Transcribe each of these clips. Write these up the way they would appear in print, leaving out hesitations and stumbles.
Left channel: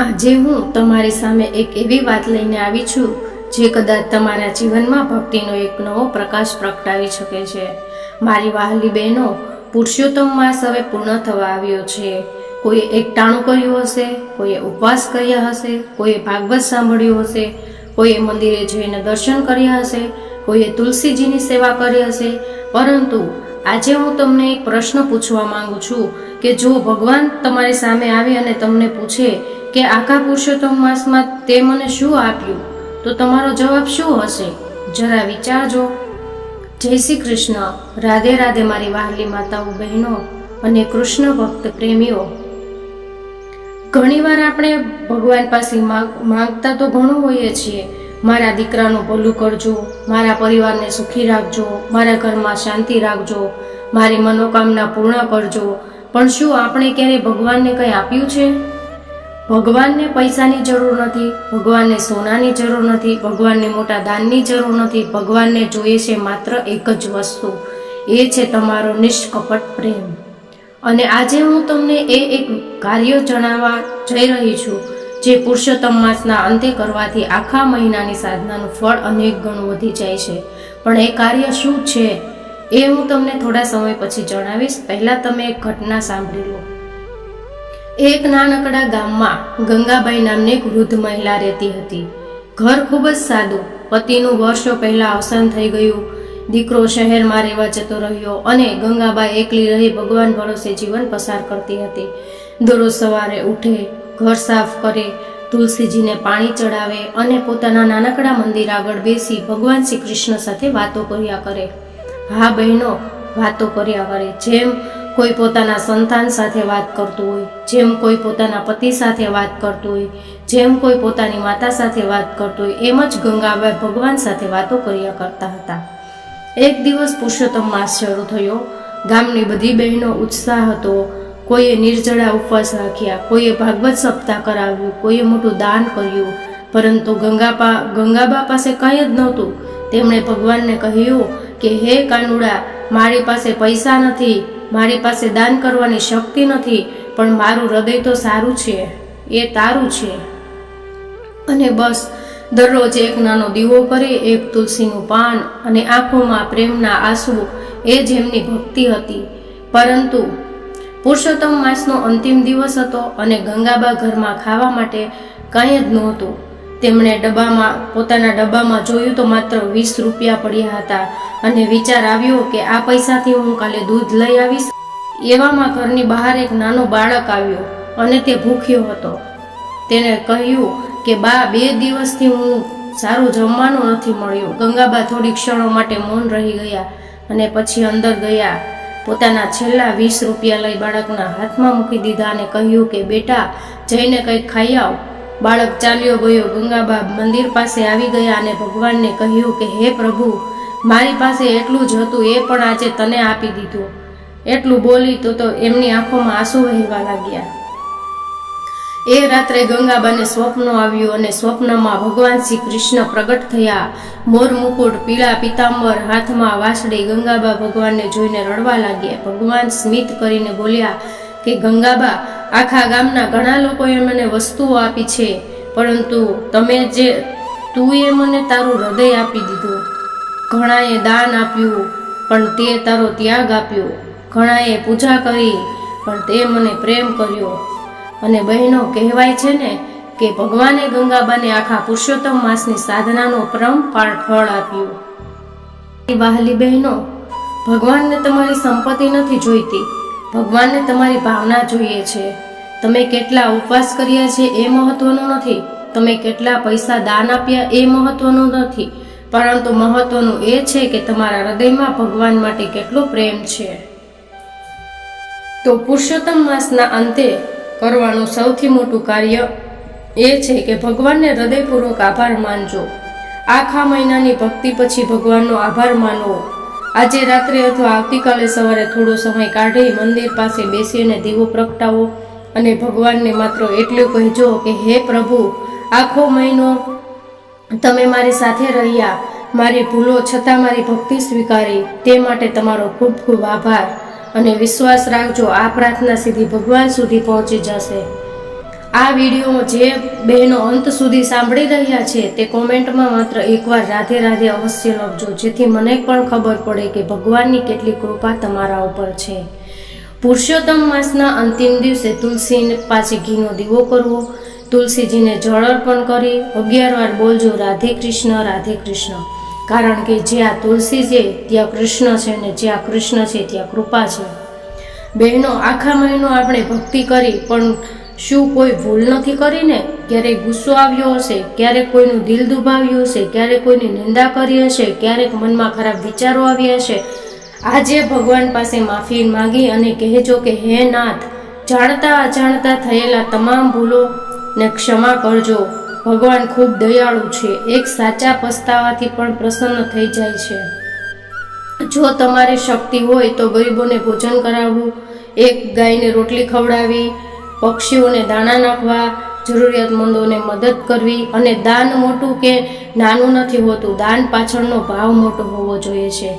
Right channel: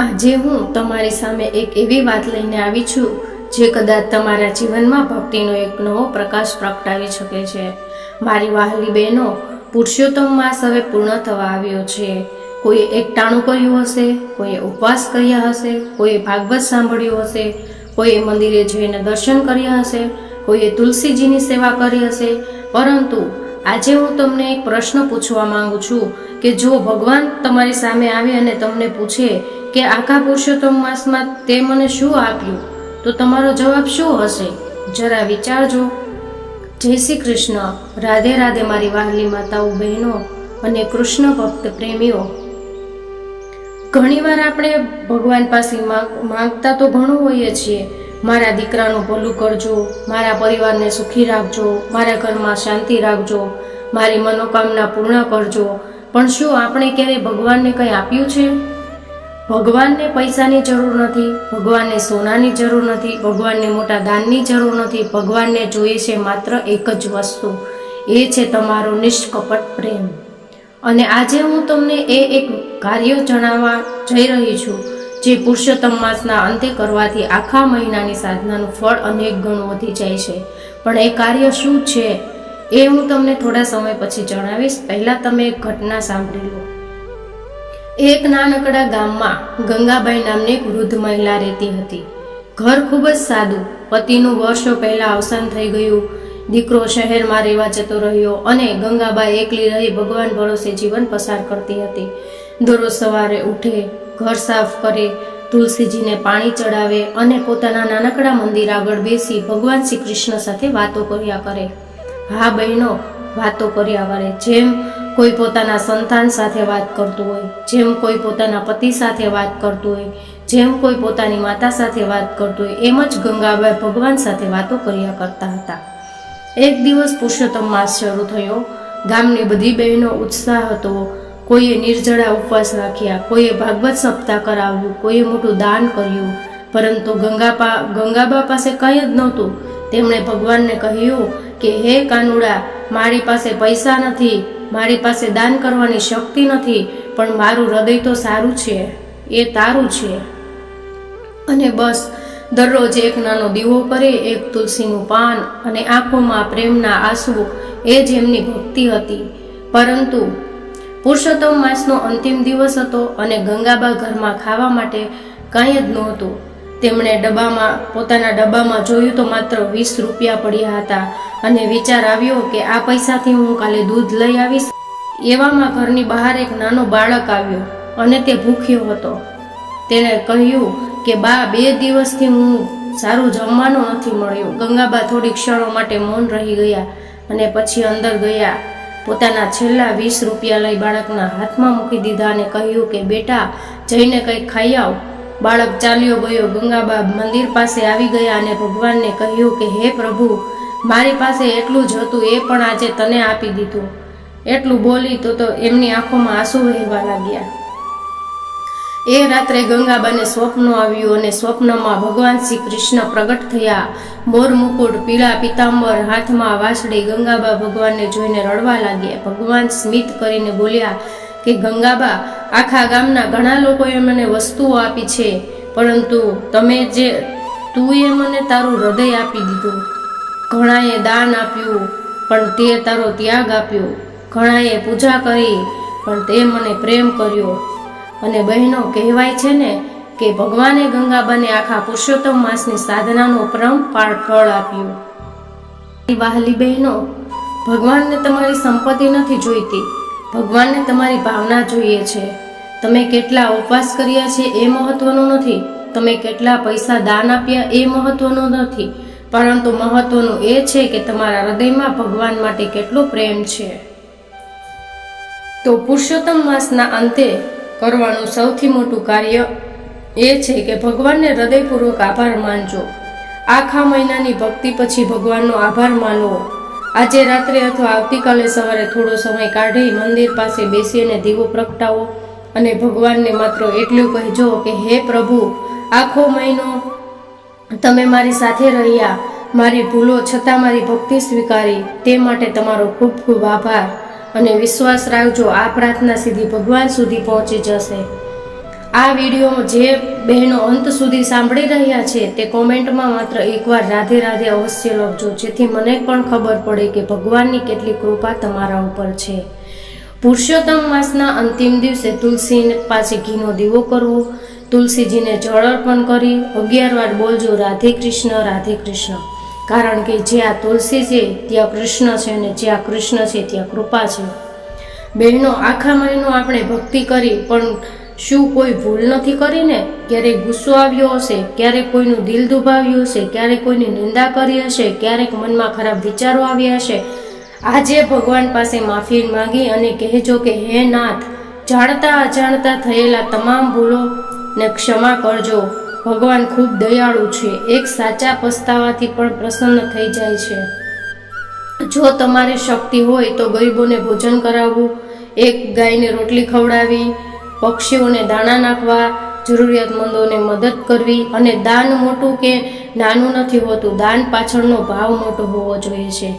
આજે હું તમારી સામે એક એવી વાત લઈને આવી છું જે કદાચ તમારા જીવનમાં ભક્તિનો એક નવો પ્રકાશ પ્રગટાવી શકે છે। મારી વહાલી બહેનો, પુરુષોત્તમ માસ હવે પૂર્ણ થવા આવ્યો છે। કોઈએ એકટાણું કર્યું હશે, કોઈએ ઉપવાસ કર્યા હશે, કોઈએ ભાગવત સાંભળ્યું હશે, કોઈએ મંદિરે જઈને દર્શન કર્યા હશે, કોઈએ તુલસીજીની સેવા કરી હશે। પરંતુ આજે હું તમને એક પ્રશ્ન પૂછવા માંગુ છું કે જો ભગવાન તમારી સામે આવે અને તમને પૂછે કે આખા પુરુષોત્તમ માસમાં તે મને શું આપ્યું, તો તમારો જવાબ શું હશે? જરા વિચારજો। જય શ્રી કૃષ્ણ, રાધે રાધે મારી વહાલી માતાઓ, બહેનો અને કૃષ્ણ ભક્ત પ્રેમીઓ। ઘણીવાર આપણે ભગવાન પાસે માંગતા તો ઘણું હોઈએ છીએ, મારા દીકરાનું ભલું કરજો, મારા પરિવારને સુખી રાખજો, મારા ઘરમાં શાંતિ રાખજો, મારી મનોકામના પૂર્ણ કરજો। પણ શું આપણે ક્યારેય ભગવાનને કંઈ આપ્યું છે? ભગવાનને પૈસાની જરૂર નથી, ભગવાનને સોનાની જરૂર નથી, ભગવાનને મોટા દાનની જરૂર નથી। ભગવાનને જોઈએ છે માત્ર એક જ વસ્તુ, એ છે તમારો નિષ્કપટ પ્રેમ। અને આજે હું તમને એક કાર્ય જણાવવા જઈ રહી છું જે પુરુષોત્તમ માસના અંતે કરવાથી આખા મહિનાની સાધનાનું ફળ અનેક ગણું વધી જાય છે। પણ એ કાર્ય શું છે એ હું તમને થોડા સમય પછી જણાવીશ। પહેલાં તમે એક ઘટના સાંભળી લો। એક નાનકડા ગામમાં ગંગાબાઈ નામની એક વૃદ્ધ મહિલા રહેતી હતી। ઘર ખૂબ જ સાદું, પતિનું વર્ષો પહેલાં અવસાન થઈ ગયું, દીકરો શહેરમાં રહેવા જતો રહ્યો અને ગંગાબાઈ એકલી રહી ભગવાન ભરોસે જીવન પસાર કરતી હતી। દરરોજ સવારે ઉઠે, ઘર સાફ કરે, તુલસીજીને પાણી ચડાવે અને પોતાના નાનકડા મંદિર આગળ બેસી ભગવાન શ્રી કૃષ્ણ સાથે વાતો કર્યા કરે। હા બહેનો, વાતો કર્યા કરે, જેમ કોઈ પોતાના સંતાન સાથે વાત કરતું હોય, જેમ કોઈ પોતાના પતિ સાથે વાત કરતું હોય, જેમ કોઈ પોતાની માતા સાથે વાત કરતું હોય, એમ જ ગંગાબાઈ ભગવાન સાથે વાતો કર્યા કરતા હતા। એક દિવસ પુરુષોત્તમ માસ શરૂ થયો। ગામની બધી બહેનો ઉત્સાહ હતો। કોઈએ નિર્જળા ઉપવાસ રાખ્યા, કોઈએ ભાગવત સપ્તાહ કરાવ્યું, કોઈએ મોટું દાન કર્યું। પરંતુ ગંગાબા પાસે કંઈ જ નહોતું। તેમણે ભગવાનને કહ્યું કે હે કાનુડા, મારી પાસે પૈસા નથી, મારી પાસે દાન કરવાની શક્તિ નથી, પણ મારું હૃદય તો સારું છે, એ તારું છે। અને બસ દરરોજ એક નાનો દીવો કરે, એક તુલસીનું પાન અને આંખોમાં પ્રેમના આંસુ, એ જ એમની ભક્તિ હતી। પરંતુ પુરુષોત્તમ માસનો અંતિમ દિવસ હતો અને ગંગાબા ઘરમાં ખાવા માટે કંઈ જ નહોતું। તેમણે પોતાના ડબ્બામાં જોયું તો માત્ર 20 રૂપિયા પડ્યા હતા અને વિચાર આવ્યો કે આ પૈસાથી હું કાલે દૂધ લઈ આવીશ। એવામાં ઘરની બહાર એક નાનો બાળક આવ્યો અને તે ભૂખ્યો હતો। તેણે કહ્યું કે બા, 2 દિવસથી હું સારું જમવાનું નથી મળ્યું। ગંગાબા થોડી ક્ષણો માટે મૌન રહી ગયા અને પછી અંદર ગયા, પોતાના છેલ્લા 20 રૂપિયા લઈ બાળકના હાથમાં મૂકી દીધા અને કહ્યું કે બેટા, જઈને કંઈક ખાઈ આવ। બાળક ચાલ્યો ગયો। ગંગાબા મંદિર પાસે આવી ગયા અને ભગવાનને કહ્યું કે હે પ્રભુ, મારી પાસે એટલું જ હતું, એ પણ આજે તને આપી દીધું। એટલું બોલી તો એમની આંખોમાં આંસુ વહેવા લાગ્યા। એ રાત્રે ગંગાબાને સ્વપ્ન આવ્યું અને સ્વપ્નમાં ભગવાન શ્રી કૃષ્ણ પ્રગટ થયા। મોર મુકુટ, પીળા પિતાંબર, હાથમાં વાંસળી। ગંગાબા ભગવાનને જોઈને રડવા લાગ્યા। ભગવાન સ્મિત કરીને બોલ્યા કે ગંગાબા, આખા ગામના ઘણા લોકોએ મને વસ્તુઓ આપી છે, પરંતુ તુંએ મને તારું હૃદય આપી દીધું। ઘણાએ દાન આપ્યું પણ તે તારો ત્યાગ આપ્યો, ઘણાએ પૂજા કરી પણ તે મને પ્રેમ કર્યો। અને બહેનો, કહેવાય છે ને કે ભગવાને ગંગાબાને આખા પુરુષોત્તમ માસની સાધનાનો પરંપાર ફળ આપ્યું। વહાલી બહેનો, ભગવાનને તમારી સંપત્તિ નથી જોઈતી, ભગવાનને તમારી ભાવના જોઈએ છે। તમે કેટલા ઉપવાસ કર્યા છે એ મહત્વનું નથી, તમે કેટલા પૈસા દાન આપ્યા એ મહત્વનું નથી, પરંતુ મહત્વનું એ છે કે તમારા હૃદયમાં ભગવાન માટે કેટલો પ્રેમ છે। તો પુરુષોત્તમ માસના અંતે કરવાનું સૌથી મોટું કાર્ય એ છે કે ભગવાનને હૃદયપૂર્વક આભાર માનજો। આખા મહિનાની ભક્તિ પછી ભગવાનનો આભાર માનવો। આજે રાત્રે અથવા આવતીકાલે સવારે થોડો સમય કાઢી મંદિર પાસે બેસીને દીવો પ્રગટાવો અને ભગવાનને માત્ર એટલું કહેજો કે હે પ્રભુ, આખો મહિનો તમે મારી સાથે રહ્યા, મારી ભૂલો છતાં મારી ભક્તિ સ્વીકારી, તે માટે તમારો ખૂબ ખૂબ આભાર। અને વિશ્વાસ રાખજો, આ પ્રાર્થના સીધી ભગવાન સુધી પહોંચી જશે। આ વિડીયો જે બહેનો અંત સુધી સાંભળી રહ્યા છે તે કોમેન્ટમાં માત્ર એકવાર રાધે રાધે અવશ્ય લખજો, જેથી મને પણ ખબર પડે કે ભગવાનની કેટલી કૃપા તમારા ઉપર છે. પુરુષોત્તમ માસના અંતિમ દિવસે તુલસી પાસે ઘીનો દીવો કરવો, તુલસીજીને જળ અર્પણ કરી 11 વાર બોલજો રાધે કૃષ્ણ, કારણ કે જ્યાં તુલસી છે ત્યાં કૃષ્ણ છે અને જ્યાં કૃષ્ણ છે ત્યાં કૃપા છે. બહેનો, આખા મહિનો આપણે ભક્તિ કરી, પણ શું કોઈ ભૂલ નથી કરીને? ક્યારેક ગુસ્સો આવ્યો હશે, ક્યારેક કોઈનું દિલ દુભાવ્યું હશે, ક્યારેક કોઈની નિંદા કરી હશે, ક્યારેક મનમાં ખરાબ વિચારો આવ્યા હશે. આજે ભગવાન પાસે માફી માંગી અને કહેજો કે હે નાથ, જાણતા અજાણતા થયેલા તમામ ભૂલોને ક્ષમા કરજો. ભગવાન ખૂબ દયાળુ છે, એક સાચા પસ્તાવાથી પણ પ્રસન્ન થઈ જાય છે. જો તમારી શક્તિ હોય તો ગરીબોને ભોજન કરાવવું, એક ગાયને રોટલી ખવડાવી, પક્ષીઓને દાણા નાખવા, જરૂરિયાતમંદોને મદદ કરવી. અને દાન મોટું કે નાનું નથી હોતું, દાન પાછળનો ભાવ મોટો હોવો જોઈએ છે.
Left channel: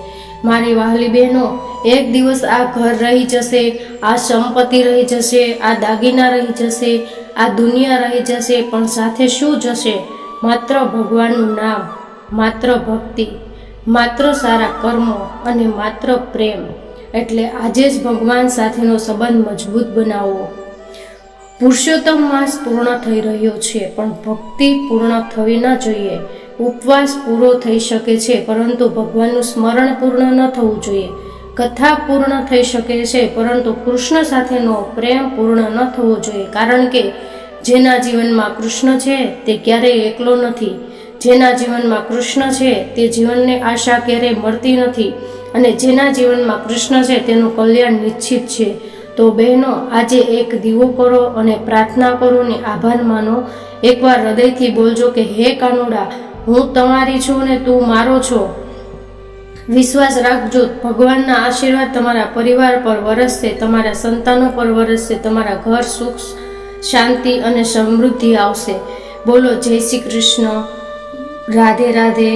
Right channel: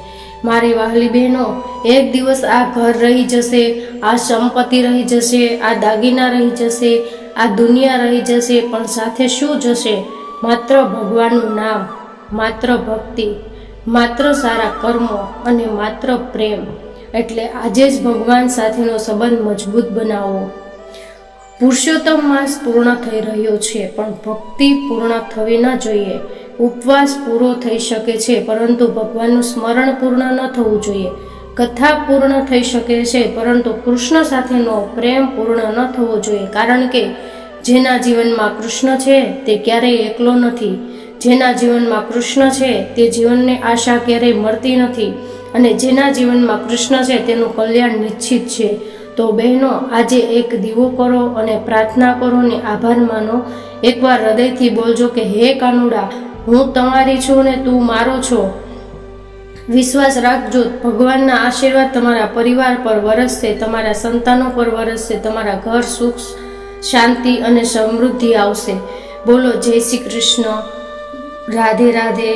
મારી વહાલી બહેનો, એક દિવસ આ ઘર રહી જશે, આ સંપત્તિ રહી જશે, આ દાગીના રહી જશે, આ દુનિયા રહી જશે, પણ સાથે શું જશે? માત્ર ભગવાનનું નામ, માત્ર ભક્તિ, માત્ર સારા કર્મો અને માત્ર પ્રેમ. એટલે આજે જ ભગવાન સાથેનો સંબંધ મજબૂત બનાવો. પુરુષોત્તમ માસ પૂર્ણ થઈ રહ્યો છે, પણ ભક્તિ પૂર્ણ થવી ન જોઈએ. ઉપવાસ પૂરો થઈ શકે છે, પરંતુ ભગવાનનું સ્મરણ પૂર્ણ ન થવું જોઈએ. કથા પૂર્ણ થઈ શકે છે, પરંતુ કૃષ્ણ સાથેનો પ્રેમ પૂર્ણ ન થવો જોઈએ. કારણ કે જેના જીવનમાં કૃષ્ણ છે તે ક્યારેય એકલો નથી. જેના જીવનમાં કૃષ્ણ છે તે જીવનને આશા ક્યારેય મળતી નથી, અને જેના જીવનમાં કૃષ્ણ છે તેનું કલ્યાણ નિશ્ચિત છે. તો બહેનો, આજે એક દીવો કરો અને પ્રાર્થના કરો ને આભાર માનો. એકવાર હૃદયથી બોલજો કે હે કાનુડા, હું તમારી છું ને તું મારો છો. વિશ્વાસ રાખજો, ભગવાનના આશીર્વાદ તમારા પરિવાર પર વરસશે, તમારા સંતાનો પર વરસશે, તમારા ઘર સુખ શાંતિ અને સમૃદ્ધિ આવશે. બોલો જય શ્રી કૃષ્ણ. રાધે રાધે.